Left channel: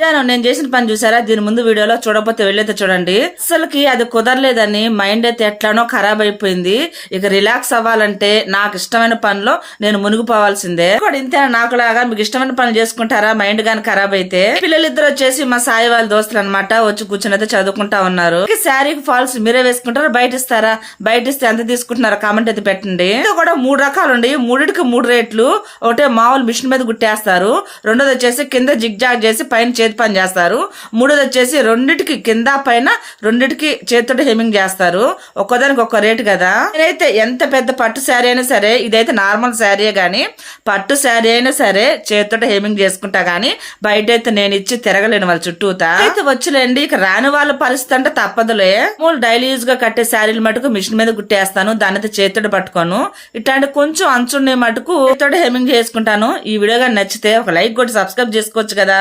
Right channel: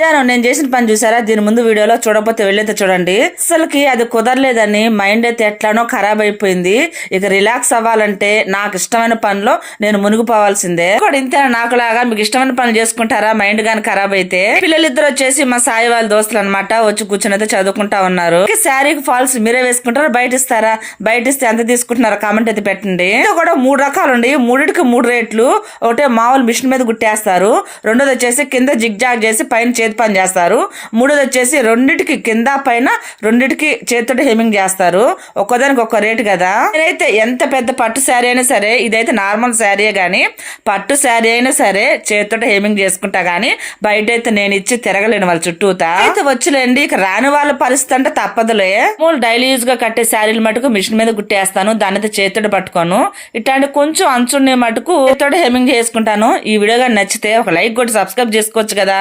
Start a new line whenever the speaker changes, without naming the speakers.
నేను నేను చేసిన పని చూసారా? దీని ముందు వీడియోలో చూడకపోతే వెళ్ళైతే చూడండి. అసలుకి అది కుదరలేదని మైండ్ అయితే ఎట్లానో ఖరాబ్ అయిపోయింది. ఇక రిలాక్స్ అవ్వాలంటే నాకు ఇష్టమైన పనిలో నేను మునిగిపోవాల్సిందే. కూడా నాకు నాకులాగా? మీకు ఇష్టమైన పని చేసుకుంటారా? మైండ్ గాని ఖరాబ్ అయితే. పిల్లలిద్దరు వచ్చేసి మా సాయి వాళ్ళ దోస్తులు అనమాట వచ్చి కూర్చొని అయితే చదువుకుంటా ఉన్నారు. శారీకి ఫాల్స్ మీరే వేసుకుంటారా? బయట ఇస్తారా? బయట ఇస్తే ఎంత తీసుకుంటున్నారా? కామెంట్ అయితే పెట్టండి. ఇది కూడా మూడు రకాలు ఉండి మూడిటికి మూడు రేట్లు. ఒకటే మామూలు మిషన్ మీద గుట్టేస్తారు. రెండోది వచ్చేసి కింద జిగ్ జాగ్ చేసి పైన చేతి పని చేస్తారు. మూడోది వచ్చేసి రెండిటికి కింద పైన రెండిటికి చేతితో హెమింగ్ చేస్తారు. ఒక్కోదానికి ఒక్క రేటు కదా. నేనైతే ఎంత పెద్ద పట్టు శారీ అయినా సరే ఇదైతే నార్మల్ శారీ కానీ పట్టు శారీ అయినా సరే చేతితో హెమింగ్ చేసుకుంటా కానీ బయట అయితే నేను ఇచ్చి తిరగలేను వాళ్ళ చుట్టూతా. అయితే వచ్చిలేండి ఇక రాని వాళ్ళ పరిస్థితి అంటే తప్పదులే. మూడు డైలీ యూజ్గా కట్టే శారీలు మటుకు మిషన్ మీద గుట్టేస్తాను దాని అయితే చేతితో పట్టుకోను. ఇట్లాంటి కొంచెం అంచుండే మటుకు చేతితో హెమింగ్ చేసుకుంటాను. ఈ వీడియో నచ్చితే ఒక లైక్ కొట్టి సబ్స్క్రైబ్ చేసుకోవచ్చు కదా.